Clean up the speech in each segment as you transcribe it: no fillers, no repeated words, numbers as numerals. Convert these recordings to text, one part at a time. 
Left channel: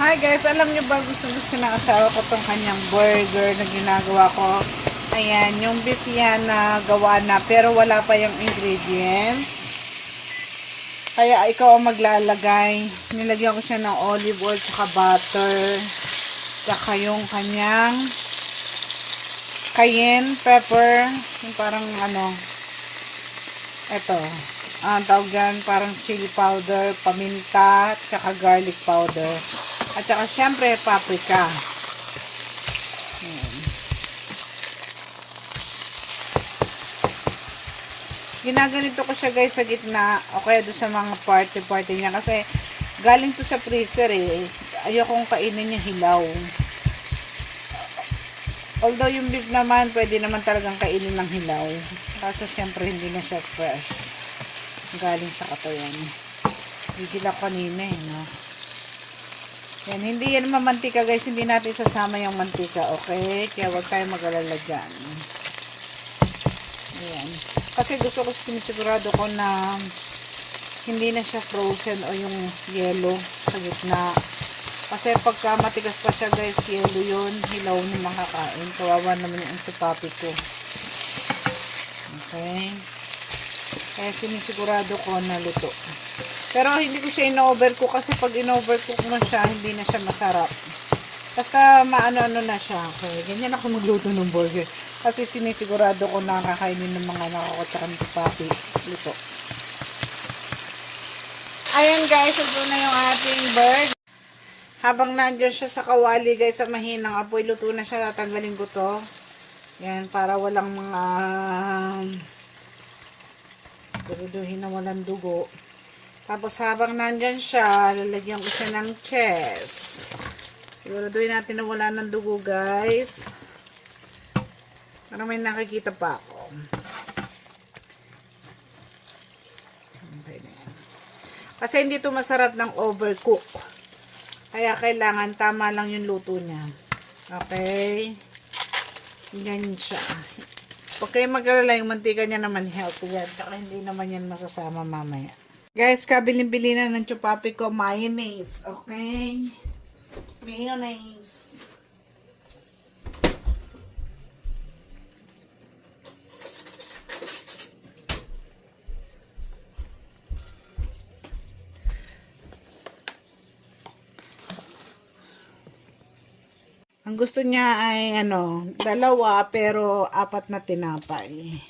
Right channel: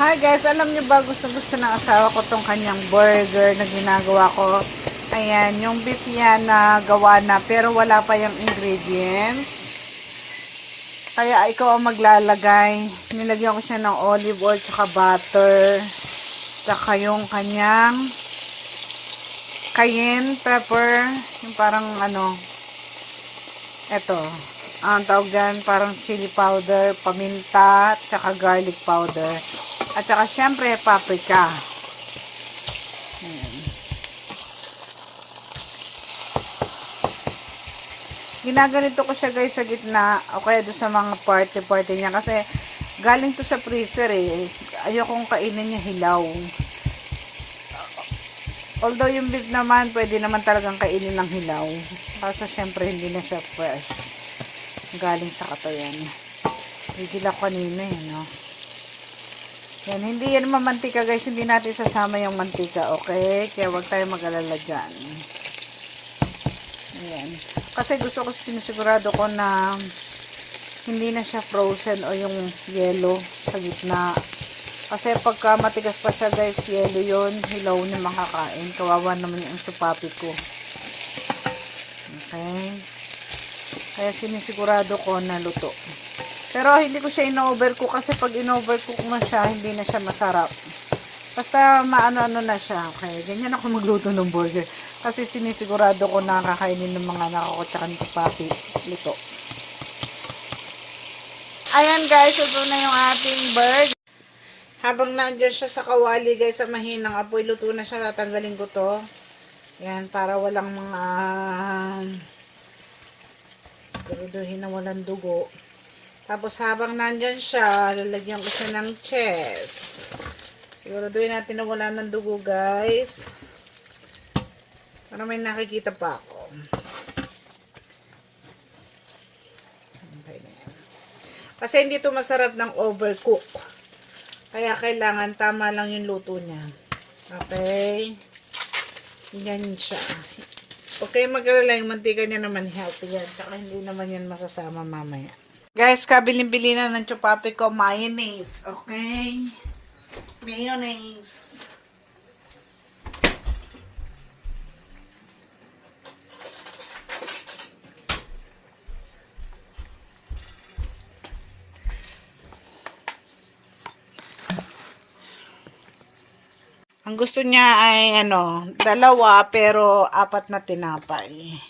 Hi guys, alam nyo ba gusto ng asawa ko tong kanyang burger na ginagawa ko. Ayan, yung beef yan na gawa na pero wala pa yung ingredients. Kaya ikaw ang maglalagay. Nilagyan ko siya ng olive oil tsaka butter. Tsaka yung kanyang cayenne pepper. Yung parang eto. Ang tawag dyan, parang chili powder, paminta, tsaka garlic powder. At saka syempre paprika. Ayan. Ginaganito ko siya guys sa gitna o kaya doon sa mga party niya kasi galing to sa freezer eh. Ayokong kainin niya hilaw. Although yung beef naman pwede naman talagang kainin ng hilaw. Kaso syempre hindi na siya fresh. Galing sa katayan. Bigil ako kanina eh, no? Yan, hindi yan mamantika guys, hindi natin sasama yung mantika, okay? Kaya wag tayo mag-alala dyan. Ayan. Kasi gusto ko sinisigurado ko na hindi na siya frozen o yung yellow sa gitna. Kasi pagka matigas pa siya guys, yellow yun, hilaw na makakain. Kawawa naman yung supapi ko. Okay? Kaya sinisigurado ko na luto. Pero hindi ko siya in-overcook kasi pag in-overcook mo siya, hindi na siya masarap. Basta maano-ano na siya. Okay, ganyan ako magluto ng burger. Kasi sinisigurado ko na kakainin ng mga nakakotsakan ko papi. Luto. Ayan guys, ito na yung ating burger. Habang nandiyan siya sa kawali guys, sa mahinang apoy, luto na siya. Tatanggalin ko to. Yan, para walang mga siguraduhin na walang dugo. Tapos habang nandyan siya, lalagyan ko siya ng cheese. Siguraduhin natin na wala ng dugo guys. Para may nakikita pa ako. Kasi hindi ito masarap ng overcook. Kaya kailangan tama lang yung luto niya. Okay. Ganyan siya. Okay, mag-alala yung mantika niya naman healthy yan. Saka hindi naman yan masasama mamaya. Guys, kabilin-bili na ng chupapi ko mayonnaise. Okay? Mayonnaise. Ang gusto niya ay dalawa pero apat na tinapay.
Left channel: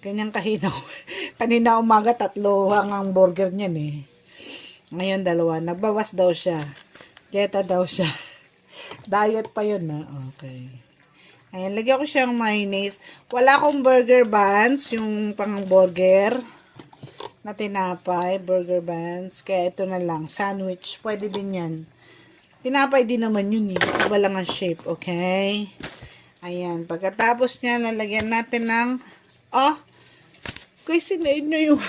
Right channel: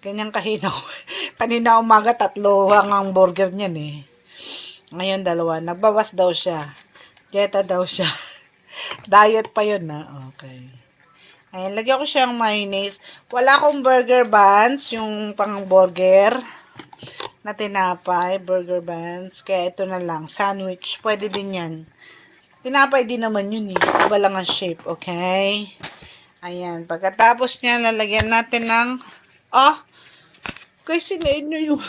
Ganyan kahina. Kanina umaga 3 hanggang burger niyan eh. Ngayon 2. Nagbawas daw siya. Dieta daw siya. Diet pa yun na. Okay. Ayan, lagyan ko siyang mayonnaise. Wala akong burger buns, yung pang burger na tinapay, burger buns. Kaya ito na lang, sandwich. Pwede din yan. Tinapay din naman yun eh. Iba lang ang shape, okay? Ayan, pagkatapos niya, lalagyan natin ng guys, sinain nyo yung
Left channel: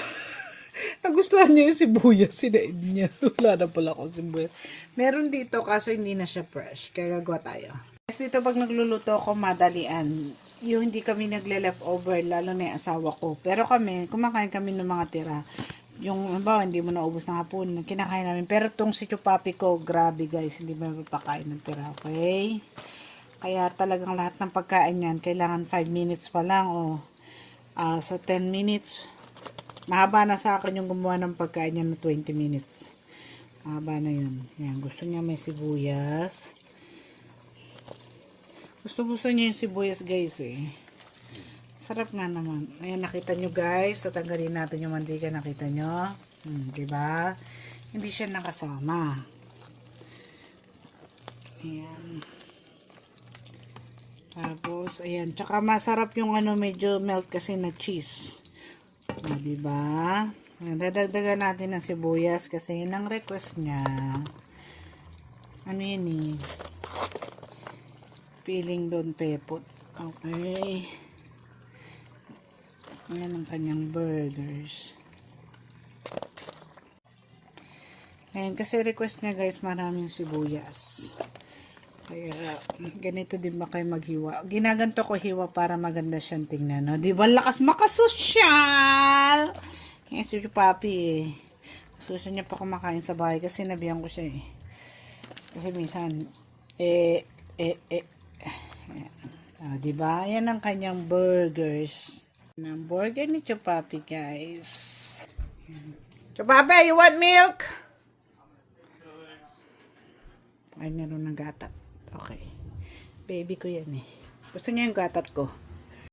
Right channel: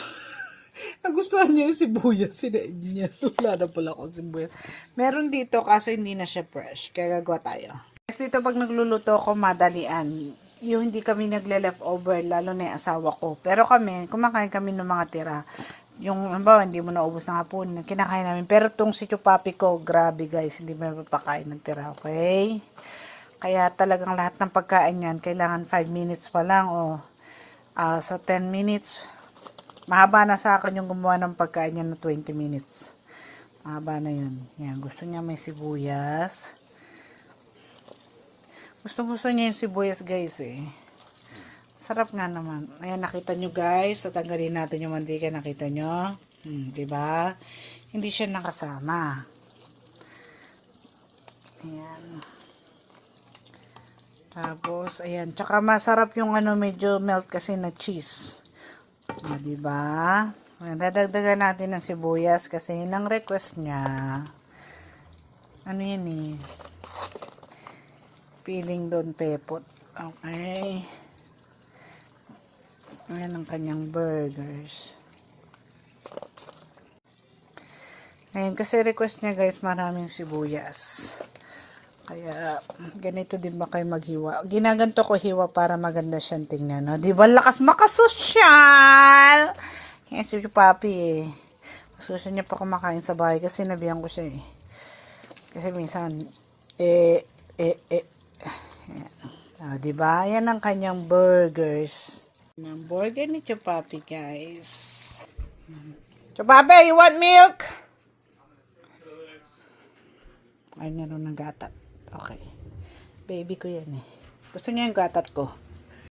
nagustuhan niya yung sibuyas, sinain niya. Wala na pala akong sibuyas. Meron dito, kaso hindi na siya fresh. Kaya gagawa tayo. Guys, dito pag nagluluto ako, madalian. Yung hindi kami nagle-leftover, lalo na yung asawa ko. Pero kami, kumakain kami ng mga tira. Yung, hindi mo naubos ng hapon, kinakain namin. Pero tong si chupapi ko, grabe guys, hindi mo mapapakain ng tira, okay? Kaya talagang lahat ng pagkain yan, kailangan 5 minutes pa lang, sa 10 minutes. Mahaba na sa akin yung gumawa ng pagkain niya na 20 minutes. Mahaba na yun. Yan, gusto niya may sibuyas. Gusto niya yung sibuyas guys eh. Sarap nga naman. Ayan, nakita nyo guys. Tatanggalin natin yung mantika. Nakita nyo? Diba? Hindi siya nakasama. Ayan. Tapos, ayan. Tsaka masarap yung medyo melt kasi na cheese. Diba? Ayan, dadagdagan natin ng sibuyas kasi yun ang request niya. Ano yun eh? Feeling doon pepot. Okay. Ayan ang kanyang burgers. Ayan, kasi request niya guys, maraming sibuyas. Kaya, ganito din ba kayo maghiwa? Ginaganto ko hiwa para maganda siyang tingnan. No? Di ba lakas makasosyal? Yan si Papi eh. Gusto niya pa kumakain sa bahay kasi nabihan ko siya eh. Kasi minsan, diba? Yan ang kanyang burgers. Ang burger ni Chupapi, guys. Chupapi, you want milk? Ay, meron ng gatat. Okay. Baby ko yan eh. Gusto niya yung gatat ko.